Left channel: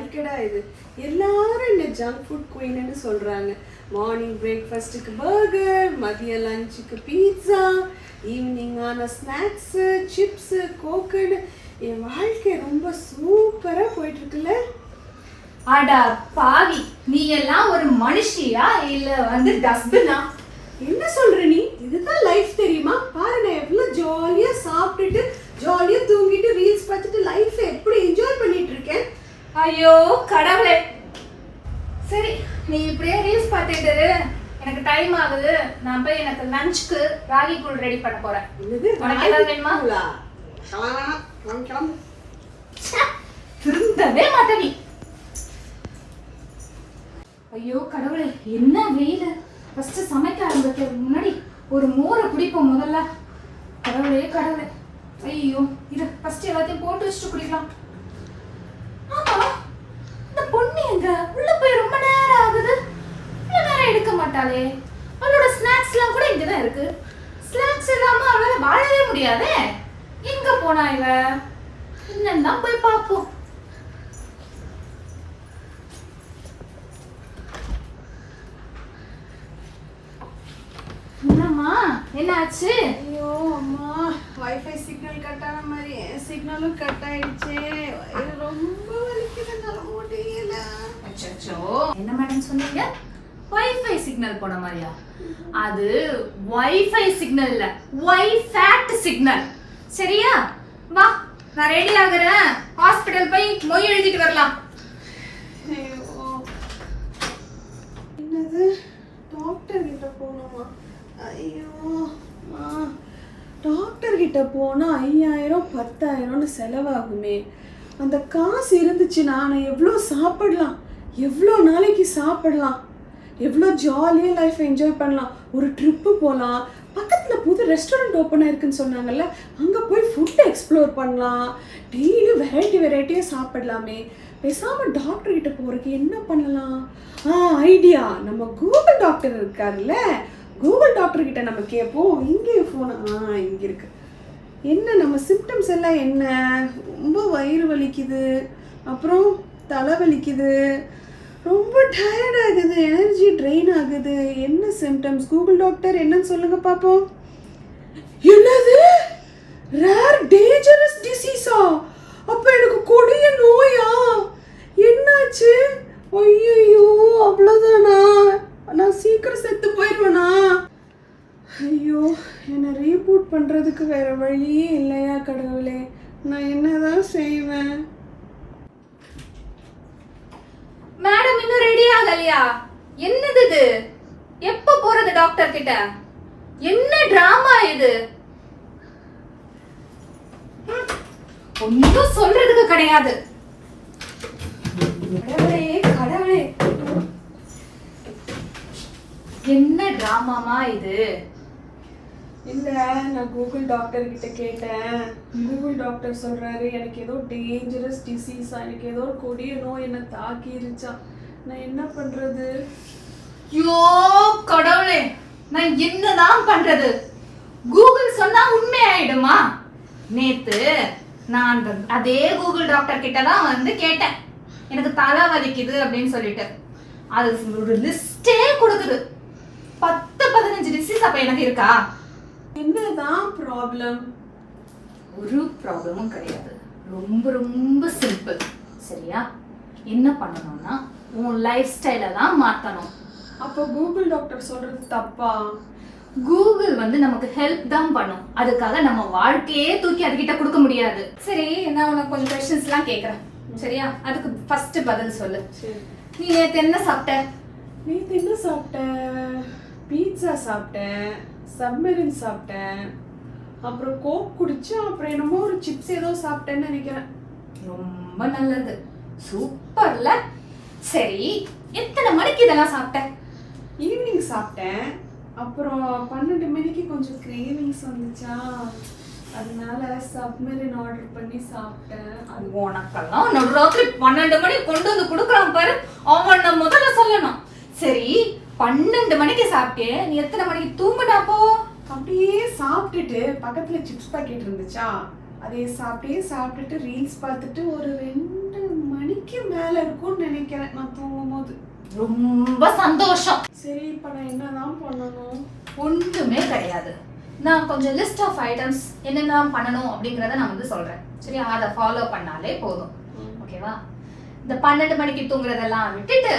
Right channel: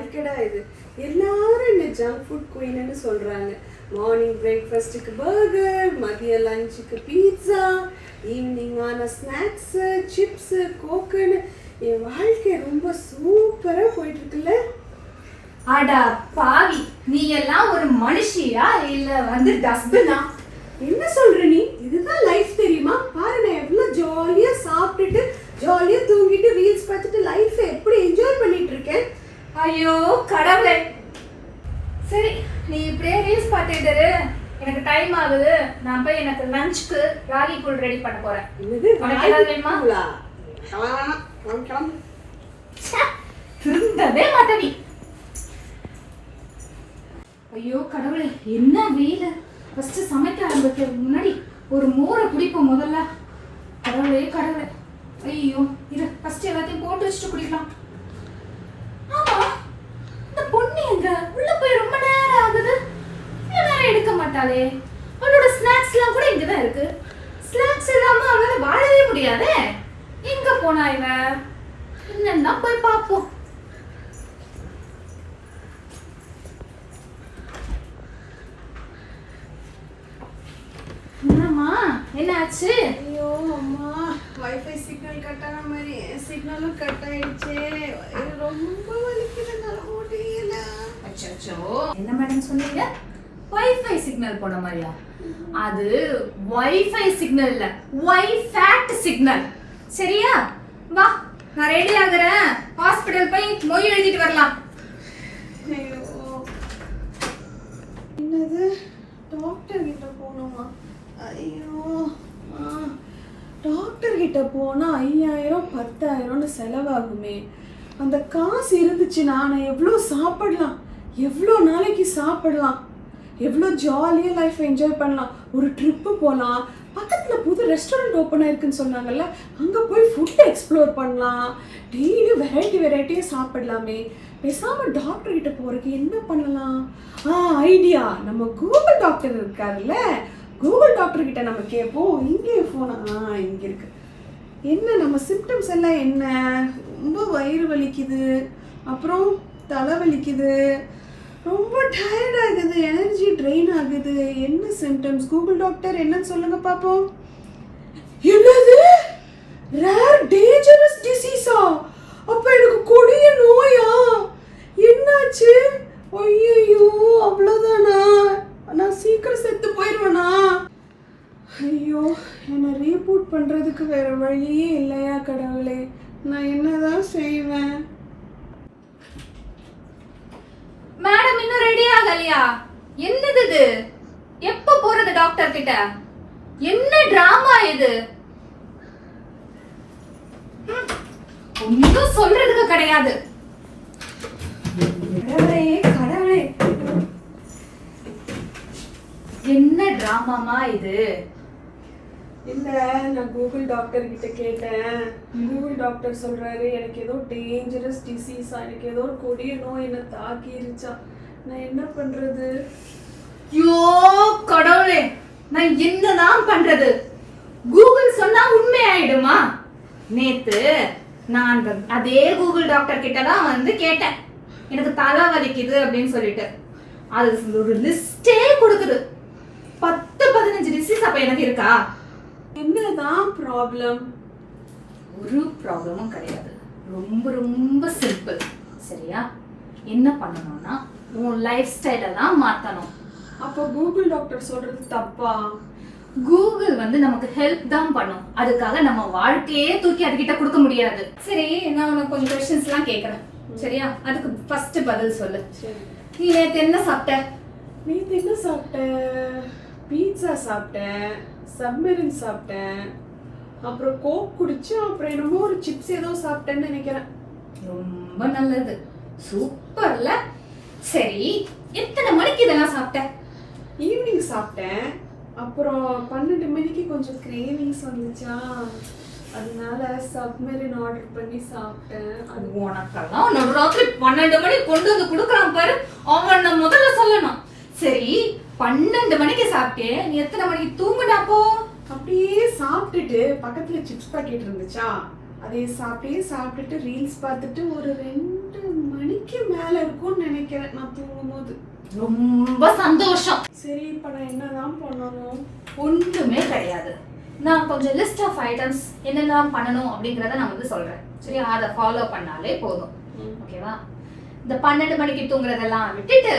வாழ்க்கைடா இது. எல்லாரும் இந்த ஜங்க் ஃபுட் குயின்னு சொல்றாங்க. மார்னிங் பிரேக்ஃபாஸ்ட்டுக்கு பர்கர், மதிய லஞ்சுக்கு பீட்சா, ஈவினிங் ஆன ஸ்நாக்ஸ், சிப்ஸ், கோக்குன்னு என் வாழ்க்கை ரொம்ப சூப்பரா போயிட்டு இருக்குல்ல. அடா பாவி, நீ எல்லாம் ஒரு மனுஷியா இல்ல வந்து டஸ்ட்பினா? என்ன சொல்ற நீ? இதுதான் லைஃப் தெரியுமா? பாரு, நான் எவ்வளவு ஜாலியா சாப்பிட்டுட்டு ஜாலியா தூங்கிட்டு ரீல்ஸ் பார்த்துட்டு லைஃப் எப்படி என்ஜாய் பண்ணிட்டு இருக்கேன். ஐயோ கடவுளே. சரி, நீ இப்படியே ரீல்ஸ் பார்த்துட்டு இரு. எனக்கு டைம் ஆகுது. நான் போய் எனக்கு லஞ்சுக்கு ராகி கூழ் ரெடி பண்ண போறேன். என்னது? உனக்கு ஏதாவது வேணுமா? திருந்தவே மாட்ட நீ. ஐயோ கடவுளே, என்ன வெயில். ஃபர்ஸ்ட் சமைக்க ஆரம்பிக்கிறதுக்கு முன்னாடி ஒரு மோரை குடிப்போம் முதல்ல. கடவுளே கடவுளே. ஐயோ, இது ஃபர்ஸ்ட் எல்லாத்தையும் போட்டு வச்சுட்டு குடிக்கலாம். ஆமா, இந்த பொண்ணு எங்க உள்ள போய் ரொம்ப நேரம் ஆகுது. இவ்வளவு நேரம் எடுக்க மாட்டாளே. அவளோட ஸ்நாக்ஸ் எல்லாம் கூட இங்கதான் இருக்கு. ஸ்நாக்ஸ் இல்லாம அவளால வாழவே முடியாதே. எங்க போனா இவ? என்னன்னா போய் பாப்போம். என்னம்மா, என்னாச்சு? ஐயோ அம்மா, வைஃபை சிக்னல் கட் ஆன மாதிரி சிக்னலும் கட் ஆயிடுச்சு. ரொம்ப வலிக்குது, என்னால முடியல. அச்சச்சோ, என்ன மேடம் சொன்னீங்க? வைஃபை சிக்னல் போன மாதிரியா? அது வைஃபை சிக்னல் இல்ல, வைஃபேட் சிக்னல். சரியா? வா, நான் ரெடி ஆகுறேன். ஹாஸ்பிடல் போய் மொய் எழுதிட்டு வரலாம். என்னது? டாக்டர் கிட்ட போகணுமா? ஐயோ, டாக்டர் கிட்ட போனா 5000 10,000ன்னு செலவாகுமே. அந்த காசு இருந்துச்சு நான் எவ்வளோ சாப்பிடலாம், எவ்வளோ நாளைக்கு சாப்பிடலாம், எவ்வளோ ஜாலியாக லைஃப் என்ஜாய் பண்ணலாம். ஒரு ட்ரிப்பு போகலாம். பக்கத்தில் புது ரெஸ்டாரண்ட் ஓப்பன் ஆயிருக்குன்னு சொன்னாங்கல்ல, அங்கே போய் ஃபுட்டை எக்ஸ்ப்ளோர் பண்ணலாம். டெய்லி வெரைட்டியாக சாப்பிடலாமே. பேசாமல் டாக்டர் கிட்ட போகிறதுக்கு என்ன பண்ணலாம்? ஐடியா. நம்ம கூகுள் டாக்டர் இருக்காருல்ல, கூகுள் டாக்டர் கிட்ட நம்ம கேட்போம். இங்கே ஃபோன் இங்கே இருக்கு. என்ன நம்ம சிம்டம்ஸ் எல்லாம் என்ன? ரொம்ப வயிறு வலிக்குது, அப்புறம் தலை வலிக்குது, ரொம்ப டயர்ட் ஆகுது, எனர்ஜி ட்ரெயின் ஆகுது. என்ன சிம்டம்ஸ்? கூகுள் டாக்டர் என்னன்னு சொல்லுங்க பாப்போம். என்னது? ரேர் டேஞ்சரஸ் டிசீஸா? அப்ப எனக்கு கொடிய நோயா? என்னாச்சு? ஐயோ, அவ்வளவுதானா? நான் சீக்கிரம் செத்து போயிடுவேனா? ஐயோ, என்னை ரீபூட் பண்றதுக்கு வேற வழியே இல்லையா கடவுளே? நான் என்னதான் செய்வேன்? மேடம் இன்னும் ரெடி ஆகலையா? என்னது இது? எப்ப போறது டாக்டர் கிட்ட? என்ன டிராமா இது? ஒன்னும் சொல்றதுக்கு கிடையாது. கடவுளே கடவுளே, என்ன டிராமாமா இது? இல்ல, நான் கூகுள் டாக்டர் கிட்ட கேட்டேன். கூகுள் டாக்டர் சொல்றாரு எனக்கு ஏதோ டேஞ்சரஸ் டிசீஸா, எனக்கு ஏதோ ஒரு கொடிய நோய் என்ன தாக்கிருச்சா. நான் என்ன பண்றது? யோ கடவுளே, நான் என்னதான் பண்றது? கூகுள் சொன்னா உண்மை ஆயிடுமா? நேத்து நான் அதே கூகுள் டாக்டர் கிட்ட தான் வந்து கேட்டேன், எனக்கு தலை வலிக்குது அப்படின்னு சொல்லிட்டு. அது ஒரு லிஸ்டே கொடுக்குது. 10-15 டிசீஸ் அப்ப எனக்கு இருக்கா? என்னதான் ப்ராப்ளம்? ஒரு ப்ராப்ளமும் கிடையாது. ரொம்ப ரொம்ப சிம்பிள். சரியா? என்ன பண்ணணும்னா உன் லைஃப் ஸ்டைலை தான் மாத்தணும். அப்போ கூகுள் டாக்டர் சொல்றது தப்பா? கூகுள் வந்து நமக்கு ஹெல்ப் தான் பண்ணும். அதுக்காக நம்ம வாழ்க்கையே தூக்கி அதுகிட்ட கொடுக்க முடியாது. சரி, நான் உனக்கு கொஞ்சம் கொஸ்டின்ஸ் எல்லாம் கேக்குறேன். சரியா? அதுக்கு ஃபர்ஸ்ட் பதில் சொல்லு. நீ நேத்து என்ன சாப்பிட்ட? நேத்து என்ன சாப்பிட்டேன்? பீட்சா சாப்பிட்டேன், சப்மெரின் சாப்பிட்டேன், அப்புறம் கோக் குடிச்சேன், அப்புறம் என்னமோ ஒரு சிப்ஸ் ஏதோ சாப்பிட்டேன்னு நினைக்கிறேன். ரொம்ப நல்லது, சூப்பர்ல. சரி, எத்தனை மணிக்கு இதெல்லாம் சாப்பிட்ட? ஈவினிங் சாப்பிட்டேன். அப்புறம் 12 மணிக்கு கொஞ்சம் கிரேவிங்ஸ் வந்துச்சா, அதனால சப்மெரின் ஆர்டர் பண்ணி சாப்பிட்டேன். அது உனக்கெல்லாம் நடுராத்திரி 12 மணிக்கு கொண்டு வந்து கொடுக்குறான் பாரு, அவன் முதல்ல சொல்லணும். சரி, 12 மணிக்கு சாப்பிட்டே, நீ எத்தனை மணிக்கு தூங்குனாப்போ? அப்படியே சாப்பிட்டுட்டு பக்கத்துல சிப்ஸ் பாக்கெட் இருந்துச்சா, அதே சாப்பிட்டுட்டு ரீல்ஸ் பார்த்துட்டு ஒரு 2 மணிக்கு மணிக்கு மேல இருக்கும்னு நினைக்கிறேன் நான் தூங்கும் போது. ரொம்ப சந்தோஷம். சரி, இப்ப நான் என்னதான் பண்ணணும்? ஒன்றுமே கிடையாது. நான் கொஞ்சம் லிஸ்ட் ஆஃப் ஐட்டம்ஸ் என்னெல்லாம் பண்ணணும் அப்படிங்கறத நான் வந்து சொல்றேன். சரியா? அதை ஃபாலோ பண்ணாலே போதும். ஓகேவா? இந்த 12 மணிக்கு தூங்குறதெல்லாம் விட்டுட்டு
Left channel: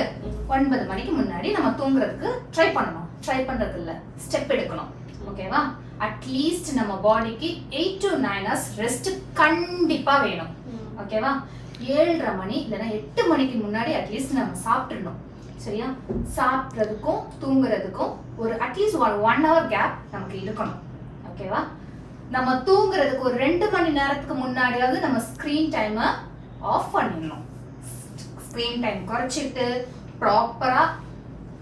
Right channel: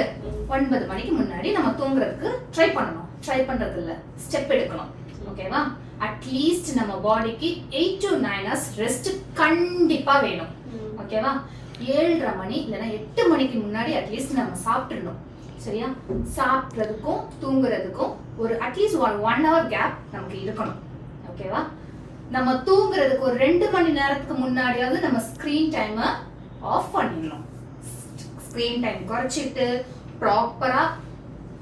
9 மணிக்கு முன்னாடி நம்ம தூங்குறதுக்கு ட்ரை பண்ணணும். ட்ரை பண்றது இல்ல, ஸ்டெப் எடுக்கணும். ஓகேவா? அட்லீஸ்ட் நம்ம பாடிக்கு 8 to 9 hours ரெஸ்ட் கண்டிப்பா வேணும். ஓகேவா? 7:30 மணி இல்லைன்னா 8 மணிக்கு முன்னாடி அட்லீஸ்ட் நம்ம சாப்பிட்டுடணும். சரியா? சாப்பிட்றதுக்கும் தூங்குறதுக்கும் ஒரு அட்லீஸ்ட் 1 hour கேப் நமக்கு இருக்கணும். ஓகேவா? நம்ம தூங்குறதுக்கு ஒரு 2 மணி நேரத்துக்கு முன்னாடியாவது நம்ம ஸ்கிரீன் டைமை ஆஃப் பண்ணிடணும். ஸ்கிரீன் டைம் குறைச்சிட்டு ப்ராப்பரா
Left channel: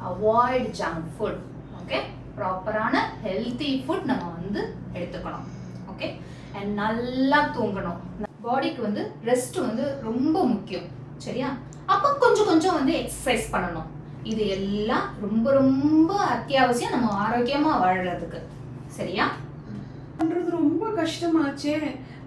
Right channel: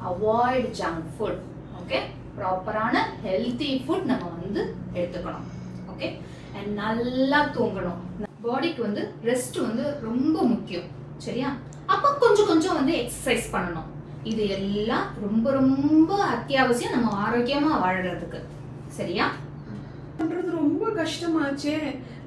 அவாய்ட் ஜங்க் ஃபுட். ஓகே? ப்ராப்பரான ஹெல்தி ஃபுட் நம்ம வந்து எடுத்துக்கணும். ஓகே? அண்ட் நல்லா தூங்கணும். பாடிக்கு வந்து ரெஸ்ட் வந்து ரொம்ப முக்கியம். சரியா? அப்ப கொஞ்சம் கொஞ்சம் வந்து எக்ஸசைஸ் பண்ணணும். இது எல்லாம் ரொம்ப ரொம்ப அத்தியாவசியம் நம்ம ஆரோக்கியமா வாழறதுக்கு. சரியா? பண்றது ரொம்ப கஷ்டமாச்சே.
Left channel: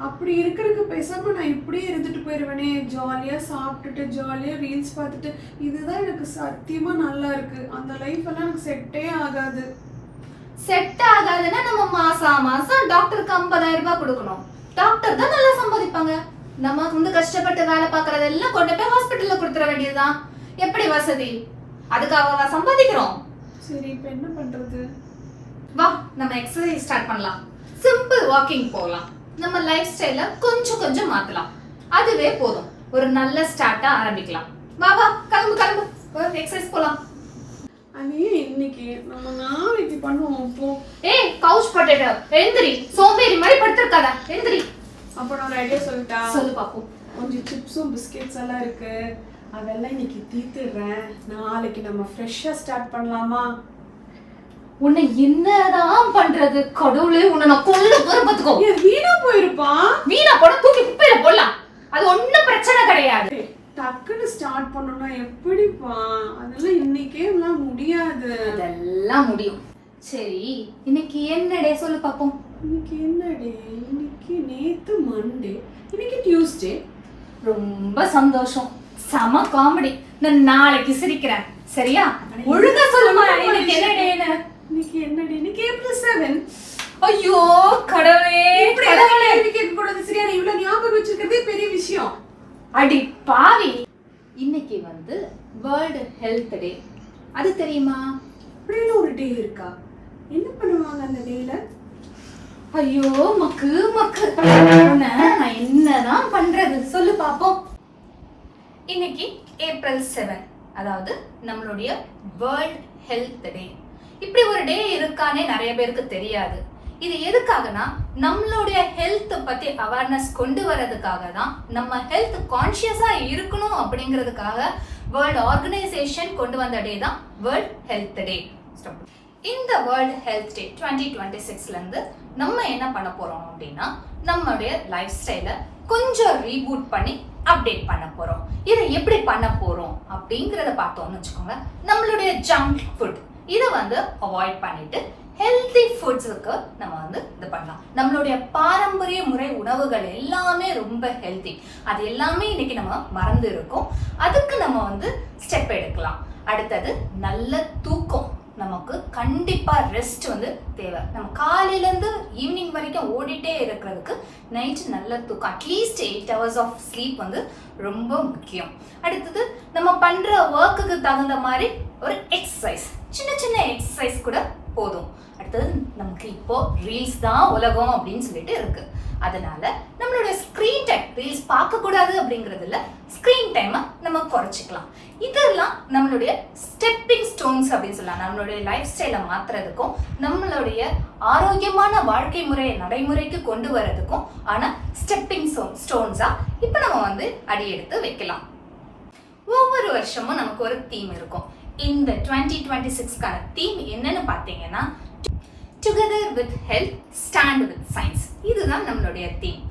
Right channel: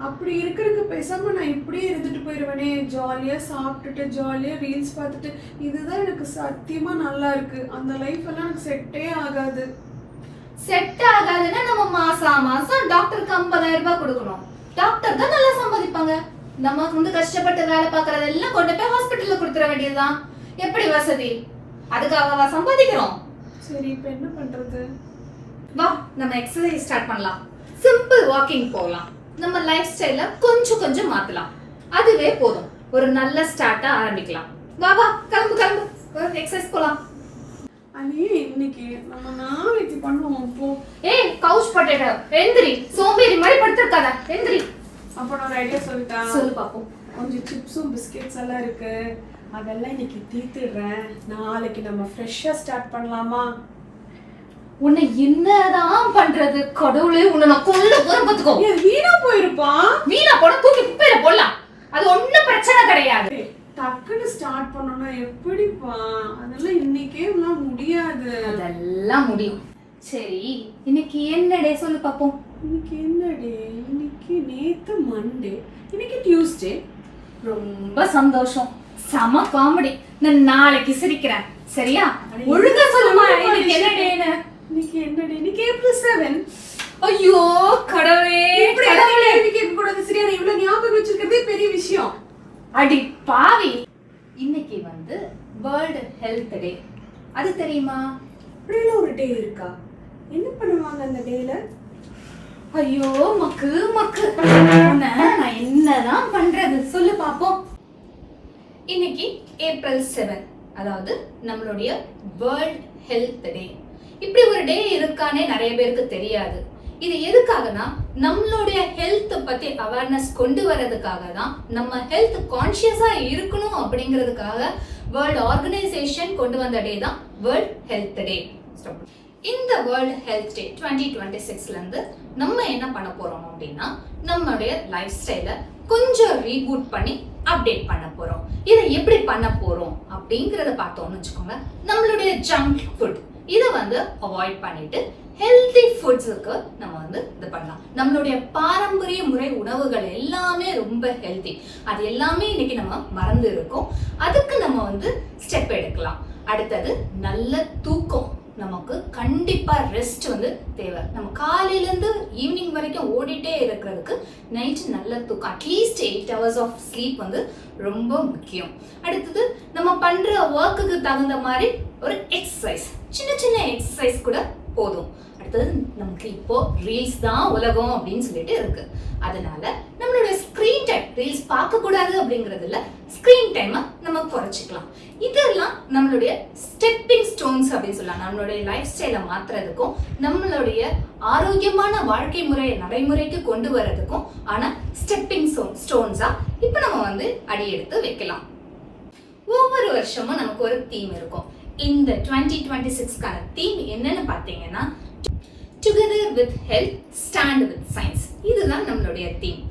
அப்படி இருக்கிறதுக்கு பேசாம நான் இப்படியே இருந்துட்டு போயிருவேனே. ஜாலியா சாப்பிட்டுட்டு ஜாலியா ரீல்ஸ் பார்த்துட்டு இதுதான் எனக்கு சத்தியமா நல்லா இருக்கு. அந்த லைஃப் எல்லாம் எனக்கு செட்டே ஆகாது. செட் ஆகாதுன்னா நம்ம மாசம் டாக்டருக்கு 50,000 ரூபாய் கொடுக்கணும். டாக்டர் தான் நல்லா சம்பாதிப்பாங்க. நம்ம வந்து கஷ்டப்பட்டு வேலை பார்க்கறதெல்லாம் கொண்டு போய் ஹாஸ்பிட்டல்ல கொடுத்துட வேண்டியதுதான். எப்படி வசதி? அதுக்காக சம்பாதிக்கிறோம். சரி, இப்ப என்ன பண்றது? வா, நம்ம எக்ஸசைஸ் ஸ்டார்ட் பண்ணலாம். சிம்பிள் வாக்கிங் போகலாம். நம்ம லைஃப் ஸ்டைல கொஞ்சம் கொஞ்சம் மாத்தலாம். அதுவே போதும். ஒரு நல்ல ஸ்டார்ட்டா ஆரம்பிக்கலாம். வா வா, கிளம்பு கிளம்பு, எக்ஸசைஸ் போலாம். அனி, இன்னைக்கு நம்ம நாளைக்கு பண்ணுவோம் போ. ஏய், கவுச் பொட்டேட்டோ, எந்திரி. சோம்பேறி மாதிரி படுத்திருக்காத, எந்திரி. அப்ப நான் ஐடியா சொல்லிட்டா. சொல்லு பாப்போம். கொஞ்சம் சிப்ஸும் பிஸ்கெட்ஸ் எல்லாம் இருக்கு. அதெல்லாம் இன்னைக்கு தீத்துடுறேன். நாளைக்கு நம்ம ஃப்ரெஷ்ஷா ஸ்டார்ட் பண்ணலாமா? உன்னை என்னதான் பண்றது? கடவுளே, உன்னை நான் கொல்ல போறேன் பாத்துக்கோ. ஏன் வீணா போயிருப்பா? வீணா போட தூக்கி குப்பையில போடலாம். அது ஒண்ணும் பிரச்சனை கிடையாது. டக்குன்னு ஸ்டார்ட் பண்ணணும்னா எப்படிப்பா? அதெல்லாம் இன்னைக்கே எல்லாம் முடியாது. அதெல்லாம் முடியும். சரி, இன்னைக்கு என்ன டே சொல்லு பாப்போம். இன்னைக்கு என்ன டே? இன்னைக்கு நேத்து மண்டே, இன்னைக்கு டியூஸ்டே. ரொம்ப சந்தோஷம். சம காமெடி. நான் நாளைக்கு சிரிக்கிறேன். சரியா? ஒழுங்கா சொல்லுமா இன்னைக்கு என்ன டேன்னு. இன்னைக்கு என்ன டே? இன்னைக்கு April 7. ஐயோ கடவுளே, கடவுளே. இன்னைக்கு கேட்க கூடாது. சரியா? நான் இவ்வளவு ஞாபகம் வச்சிருக்கிறதே பெரிய விஷயம். அடி பாவி. இன்னைக்கு வந்து வேர்ல்ட் ஹெல்த் டே. அது தெரியுமா? அப்படியே ஒரு டே இருக்கா? என்ன பண்ணுவாங்க அந்த டேல? ஐயோ மக்கு மக்கு, நான் என்னதான் பண்றது சொல்லு பாப்போம். இன்னைக்கு April 7, அதாவது நம்மளுடைய வேர்ல்ட் ஹெல்த் டே. இப்படி ஒரு டே இருக்கானே நிறைய பேருக்கு தெரியாது. இது எதுக்காகனா நம்மளுடைய ஹெல்த் பத்தி அவேர்னஸ் கொண்டு வரதுக்காக தான். நம்ம ஹெல்த் கான்ஷியஸா இருக்கணும் அப்படிங்கிறதுக்காக வேர்ல்ட் ஆர்கனைசேஷன் கொண்டு வந்த டே தான் வேர்ல்ட் ஹெல்த் டே. இந்த வேர்ல்ட் ஹெல்த் டே 2026ல இருந்து நம்ம என்ன பண்ண போறோம் அப்படின்னா, நம்மளுடைய லைஃப் ஸ்டைல கொஞ்சம் ரீபூட் பண்ணி அப்டேட் பண்ண போறோம். இதை எப்படி பண்ண போறோம் அப்படிங்கறத பார்த்தோம்னு வச்சுக்கோங்க. நம்மளுடைய ஜங்க் ஃபுட் இதை வந்து அவாய்ட் பண்ணிட்டு ஹெல்தி ஃபுட்ஸுக்கு நம்ம வந்து இது பண்ணலாம். நம்மளுடைய பாரம்பரிய முறை உணவுகள் எல்லாமே ரொம்ப ஹெல்தி. அது எல்லாமே இன்னைக்கு நம்ம மறந்து இருக்கோம். அதுக்கு நம்ம வந்து ஸ்டெப் எடுக்கலாம். அடுத்தது நல்ல தூக்கம். நமக்கு கண்டிப்பா ரெஸ்ட் வந்து தேவை. நம்ம காலையில இருந்து ஈவினிங் வரைக்கும் ஓடிட்டே இருக்கிறதுக்கு நைட் நல்ல தூக்கம், அட்லீஸ்ட் 8 hours ஆஃப் ஸ்லீப் வந்து ரொம்ப முக்கியம். அடுத்தது நம்ம பண்ற ஒர்க்குக்கு தகுந்த மாதிரி ஒரு எக்ஸசைஸ், சின்ன சின்ன எக்ஸசைஸ் கூட போதும். அடுத்தது நமக்கு இப்போ ரீல்ஸ் தான் உலகம் அப்படின்னு சொல்லிட்டு இருக்கு. அதனால நம்மளுடைய ஸ்கிரீன் டைம், ரீல்ஸ் பார்க்க கூடாது அப்படிங்கிறது இல்ல, ஸ்கிரீன் டைமை நம்ம குறைச்சிக்கலாம். இதெல்லாம் நம்மளுடைய ஸ்டெப்பிங் ஸ்டோன்ஸ் அப்படின்னு சொல்லலாம். நம்மளுடைய லைஃப் ஸ்டைலை மாத்துறதுக்கும் நம்மளுடைய ஆரோக்கியமான வாழ்க்கை முறையை நடைமுறைக்கு கொண்டு வரதுக்கும் ஆனா ஸ்டெப்பிங் ஸ்டோன்ஸா இப்ப நம்ம வந்து அடி எடுத்து வைக்கலாம். ஒவ்வொரு வருஷமும் நமக்கு ஒரு தீம் இருக்கும். இந்த 2026க்கான தீம் என்னன்னு பாத்தீங்கன்னா, together with health, stand with science. இதுதான் நம்மளுடைய தீம்.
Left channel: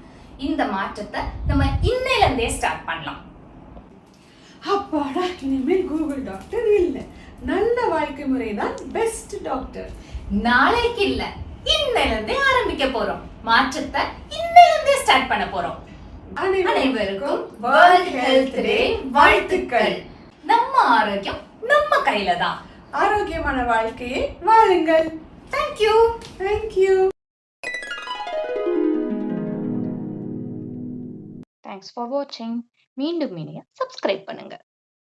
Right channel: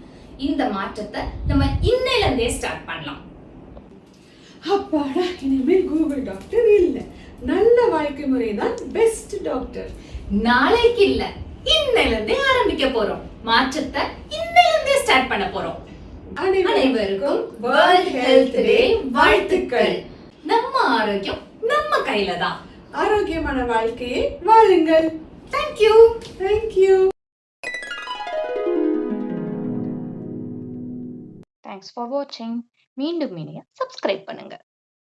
இந்த மாற்றத்தை நம்ம இன்னையில இருந்தே ஸ்டார்ட் பண்ணலாம். அப்பாடா, இனிமேல் கூகுள் டாக்டர் இல்ல, நல்ல வாழ்க்கை முறை தான் பெஸ்ட் டாக்டர். நாளைக்கு இல்ல, இன்னையில இருந்தே ஆரம்பிக்க போறோம். மாற்றத்தை இன்னையில இருந்தே ஸ்டார்ட் பண்ண போறோம். அனைவருக்கும் வேர்ல்ட் ஹெல்த் டே வாழ்த்துக்கள். நம்ம ஆரோக்கியம் நம்ம கையில தான். ஆரோக்கியமான வாழ்க்கையை வாழுங்கள். தேங்க்யூ. தேங்க்யூ. தேங்க்ஸ் ஃபார் வாட்சிங். மீண்டும் சப்ஸ்கிரைப் பண்ணுங்க.